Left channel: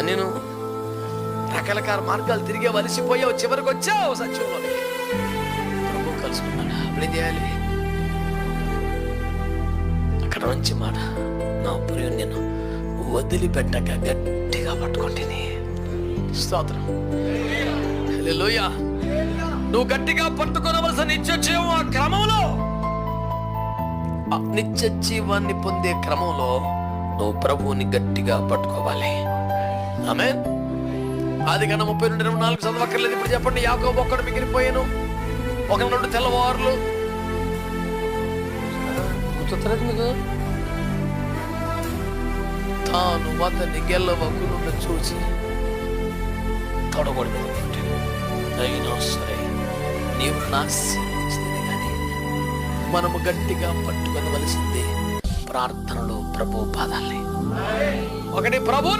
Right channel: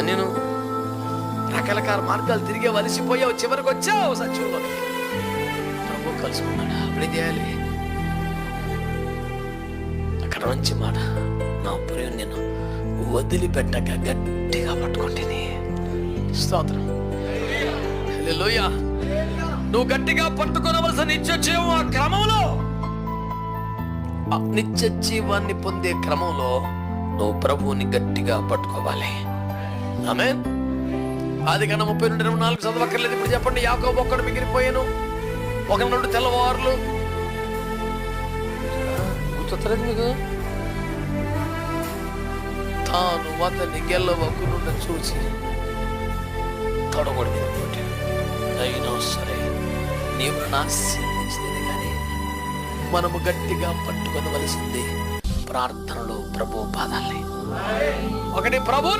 నేను రకరకాల మార్గాలు తిరిగే వలసిపోయావు. చివరికి వచ్చావు సత్యంలోనికి. ప్రభు కలుసుకున్నాడు? అప్పుడే చేయాలి? అక్కడ నుంచి మాట నా ప్రియం నేను వదిలిపెట్టక గట్టిగా పట్టుకుంటేనే. స్తోత్రం. హల్లెలూయా. నువ్వు గట్టిగా పట్టుకోనవలసిన నిత్య జీవం ఆ క్రమంలో. ఆ నిత్య జీవాన్ని పొందే క్రమంలో నువ్వు ప్రభువుని గట్టిగా పట్టుకోవాలి. ఆమె ఆది కన్నా ముప్పై రెండు ఇరవై నాలుగు చదవక్కర్లేదు. ఇప్పుడు చెప్పండి యాకోబు ఒక్కడు మిగిలిపోయాను. ఒక రెండు తెల్లవారులు. గుర్తొత్తలేదు మీకు? తాను అతన్ని గెల్లవకునుండ చూసి తొడగొడి మీద కొట్టాడు. అయినా సరే నీవు నాశించింది కానీ మనము గట్టిగా పట్టుకొనవలసింది ప్రార్థనలో ప్రభు పాదాలే ఒకటి ప్రభు